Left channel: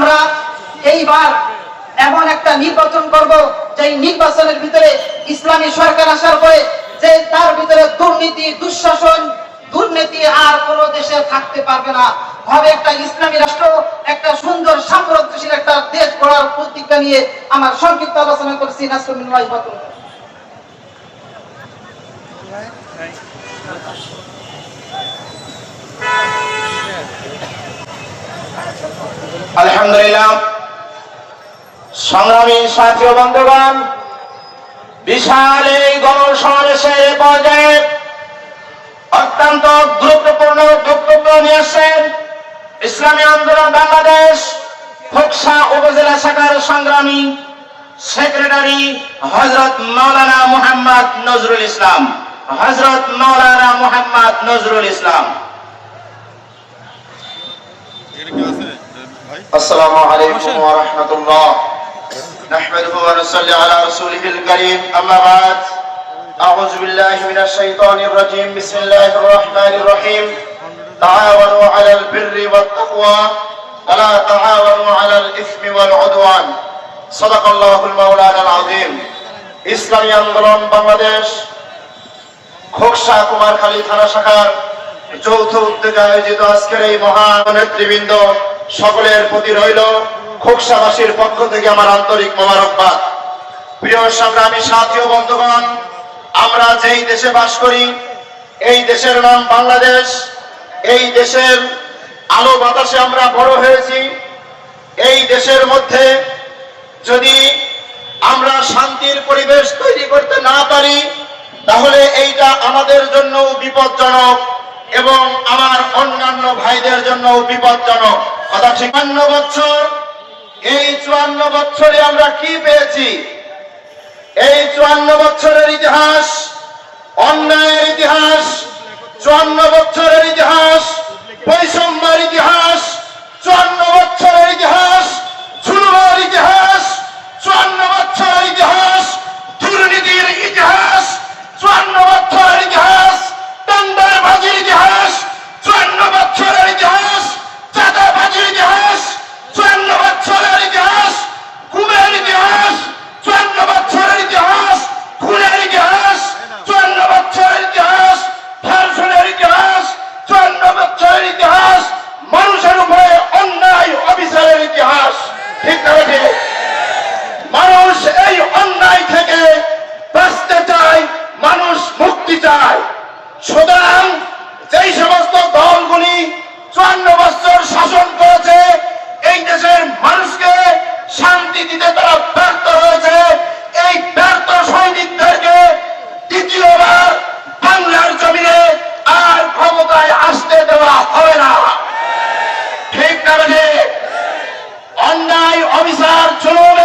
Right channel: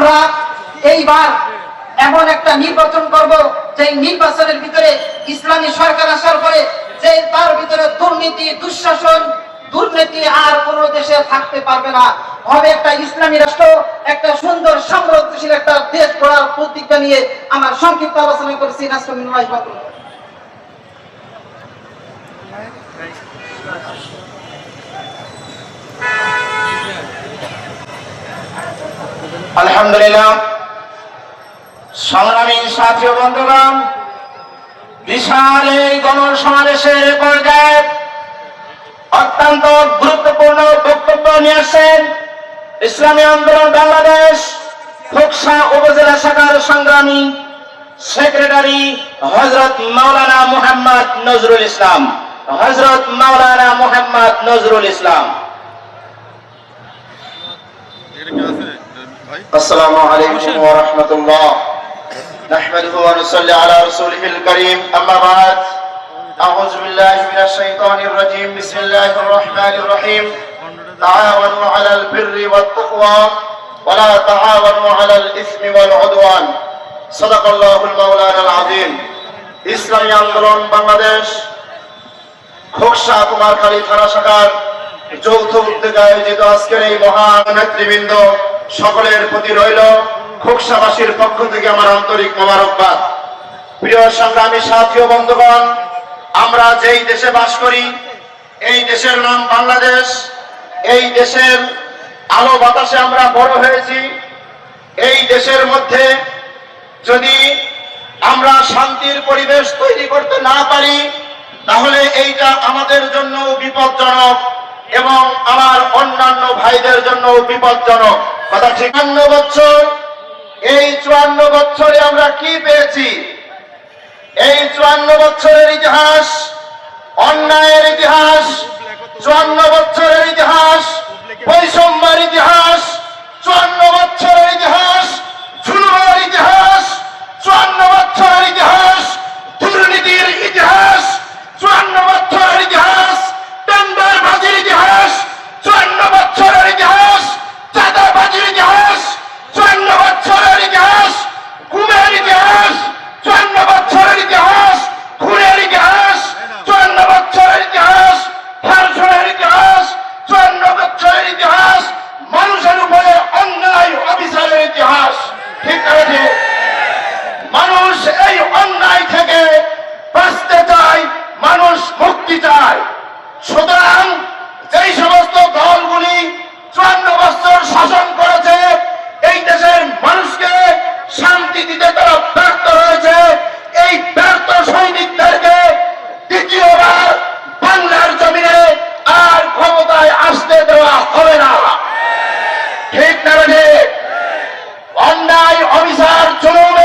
আমরা এইবার এমন একটা নির্বাচন করব যে নির্বাচনের ভিতরে ইসলামী সরকার আসার পরে যে তার ভিতরে দুর্নীতি, দুঃশাসন, দুর্নীতি আর কোনো দেশে থাকতে পারবে না। হবে একটা ইসলামী রাষ্ট্র, একটা সুন্দর সাম্রাজ্যশীল একটা দেশ গড়ার প্রতিজ্ঞা নিয়ে আমার সংক্ষিপ্ত আলোচনা করেছি। নাসরুল্লাহ বাকর। আলহামদুলিল্লাহ, সংগ্রামী সাথী ও বন্ধুগণ, বিশাল এই গণসমাবেশের পর্যায়ে অত্যন্ত গুরুত্বপূর্ণ বক্তব্য নিয়ে আসছেন ইসলামী আন্দোলন বাংলাদেশ খোকসা উপজেলা শাখার সংগ্রামী সেক্রেটারি হযরত মাওলানা মুহাম্মদ নজরুল ইসলাম। হযরত মাওলানা মুহাম্মদ নজরুল ইসলাম। السلام عليكم ورحمة الله. نحمده ونصلي على رسوله الكريم. أما بعد، أعوذ بالله من الشيطان الرجيم. بسم الله الرحمن الرحيم. تعاونوا على البر والتقوى ولا تعاونوا على الإثم والعدوان. صدق الله المولانا العظيم. ইসলামী আন্দোলন বাংলাদেশ খোকসা কুমারখালী থানা শাখার যৌথ উদ্যোগে আয়োজিত আজকের এই মহান নেতৃবৃন্দ সকলের প্রতি রইল খোকসাবাসীর পক্ষ থেকে আমার আন্তরিক মোবারকবাদ। প্রিয় সংগ্রামী সাথী ও বন্ধুগণ, আমরা যেই দেশে বাস করি এই দেশের নাম বাংলাদেশ। এই দেশের আলো বাতাসে আমরা বড় হয়েছি। এই দেশের মধ্যে যদি আমরা শান্তির পরিবেশ তৈরি করতে না পারি তাহলে এইটা আমাদের জন্য বিপজ্জনক এবং আমার অন্যান্য ভাইদের জন্য বিপজ্জনক। কথা ঠিক। 54 বছর, এই 54 বছরে আমরা কি পেয়েছি? এই 54 বছরের ইতিহাস অন্যায়ের ইতিহাস, 54 বছরের ইতিহাস বৈষম্যের ইতিহাস, 54 বছরের ইতিহাস জুলুমের ইতিহাস, 54 বছরের ইতিহাস দুর্নীতির ইতিহাস, 54 বছরের ইতিহাস টেন্ডারবাজির ইতিহাস, 54 বছরের ইতিহাস চাঁদাবাজির ইতিহাস, 54 বছরের ইতিহাস গুমের ইতিহাস, 54 বছরের ইতিহাস খুনের ইতিহাস, 54 বছরের ইতিহাস ধর্ষণের ইতিহাস, 54 বছরের ইতিহাস মানুষের উপরে অন্যায় অবিচারের ইতিহাস। ঠিক আছে, মানুষ এই অন্যায় থেকে বাঁচতে চায়, মানুষ মুক্তি চায়। সুতরাং যেই সমস্ত দলগুলি 54 বছর শাসন করেছে এই দেশের মানুষকে শান্তি দিতে তারা ব্যর্থ হয়েছে, এই ব্যর্থ সৈনিকদেরকে দ্বিতীয়বার বাংলার জমিনে আর ক্ষমতায় আসতে দেওয়া হবে না। ঠিক না? অন্যায় অবিচার জুলুম